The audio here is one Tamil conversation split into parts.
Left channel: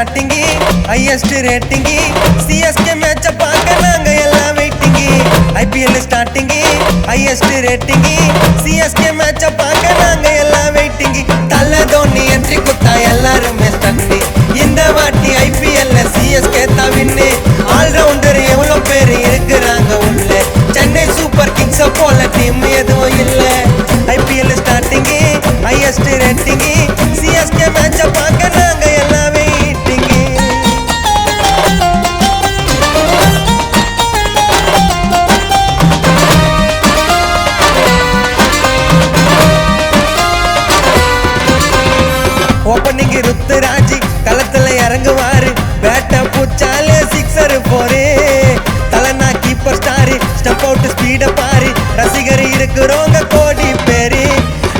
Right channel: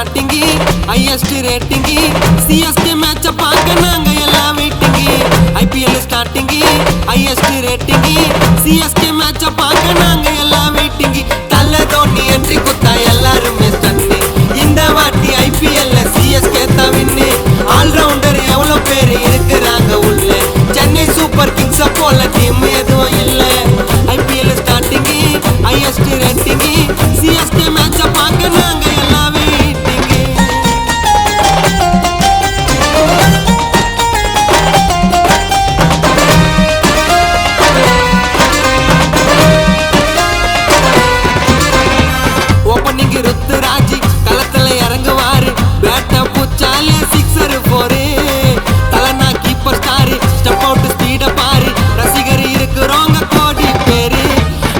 ஸ்டார்டிங் ஹையஸ்ட் ரேட்டிங் சிஎஸ்கே மேட்ச பார்க்க நாங்க எல்லாம் waiting IPL starting highest rating CSK மேட்ச பார்க்க நாங்க எல்லாம் வெயிட்டிங் தல தோனி என்ட்ரி குத்தா எல்லாருமே ஸ்டன்னி இந்த வாட்டி ஐபிஎல் சிஎஸ்கே தான் வின்னு ஆல்ரவுண்டர் எவ்வளவு பேர் இருக்கிறாங்க உள்ள சென்னை சூப்பர் கிங்ஸ் போல டீம் எதுவும் இல்ல IPL starting highest rating CSK மேட்ச பார்க்க நாங்க எல்லாம் வெயிட்டிங் ஓப்பனிங் ருத்துராஜ் களத்துல இறங்குவாரு பேட்ட பூச்சாலே சிக்ஸர் போரு தலனா கீப்பர் ஸ்டாரு ஸ்டெப் அவுட் ஸ்பீட பாரு ரசிகர் இருக்கிறவங்க கோடி பேரு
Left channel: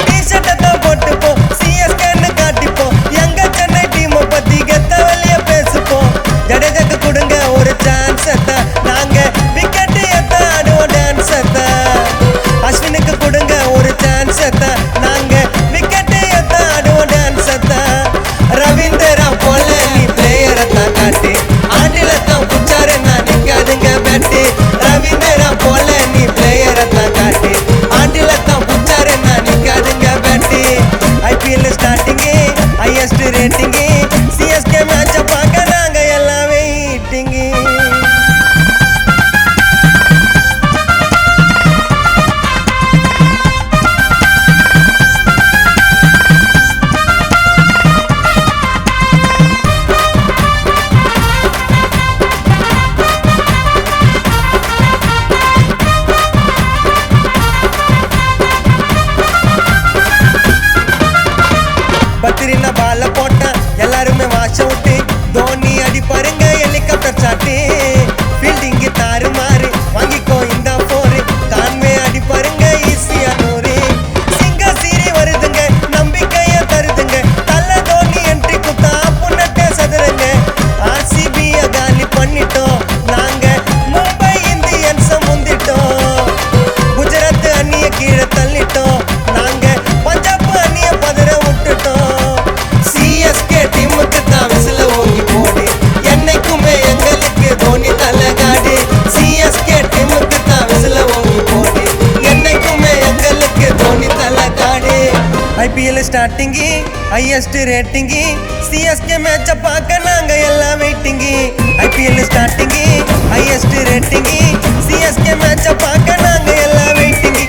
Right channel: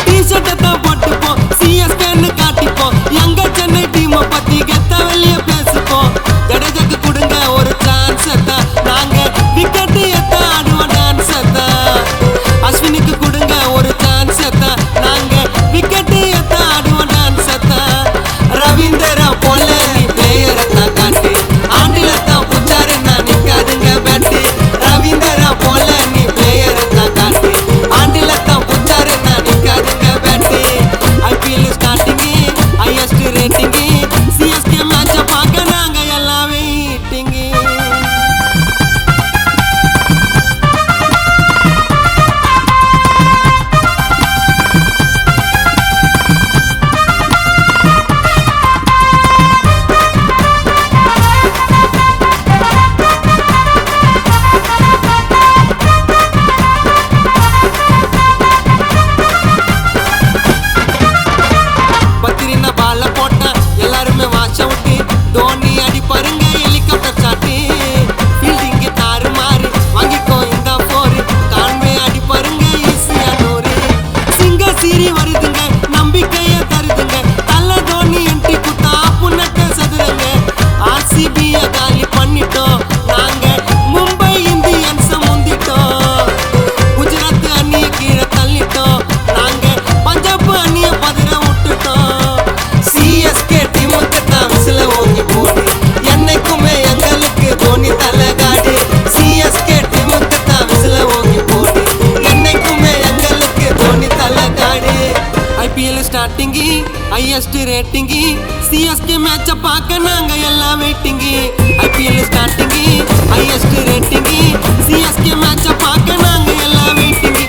டி-ஷர்ட்டை தான் போட்டுப்போம் சிஎஸ்கேன்னு காட்டிப்போம் எங்க சென்னை டீமை பத்தி கெத்த வெளிய பேசுப்போம் ஜடேஜாக்கு கொடுங்க ஒரு சான்ஸ் தான் நாங்க விக்கெட் எத்த ஆடுவோம் டான்ஸ் தான் அஸ்வினுக்கு கொடுங்க ஒரு சான்ஸ் தான் நாங்க விக்கெட் எத்த ஆடுவோம் டான்ஸ் தான் ரவீந்திரா போல பிளேயரை தான் காட்டு ஆண்டில தான் புச்சாரு நான் நிக்காதுங்க பேட்டு ரவீந்திரா போல நீ பிளேயரை தான் காட்டு ஆண்டில தான் புச்சாரு நான் நிக்காதுங்க bat IPL starting highest rating CSK மேட்ச பார்க்க நாங்க எல்லாம் வெயிட்டிங் பத்திரின பால போட்டா எல்லாருமே வாட்ச் அவுட் தோனி அடி பாருங்க ஹெலிகாப்டர் சாட்டு ஃபீல்டிங் தாறு மாறு வாங்கிக்கோ இந்த போரு கான்வே அடி பாருங்க ஈஸியா நூறு சிங்க சீரி வருதுங்க நம்பிக்கைய தருதுங்க தல தோனி என்ட்ரி குத்தா புன்னட்ட சதுரங்க ஆர்சிபிய காலி பண்ணிட்டோம் நாங்க மும்பை இந்தியன்ஸ் முந்திட்டோம் குஜராத் அணிய கீழே தள்ளிட்டோம் நாங்க பஞ்சாப் அணிய பதற விட்டுட்டோம் சிஎஸ்கே டீமுக்கு தான் விசில ஓங்கி போடு என்னைக்குமே எங்களுக்கு தோனி தலகாடு சிஎஸ்கே டீமுக்கு தான் விசில ஓங்கி போடு என்னைக்குமே எங்களுக்கு தோனி தலகாடு IPL starting highest rating CSK மேட்ச பார்க்க நாங்க எல்லாம் waiting IPL starting highest rating CSK மேட்ச பார்க்க நாங்க எல்லாம் வெயிட்டிங்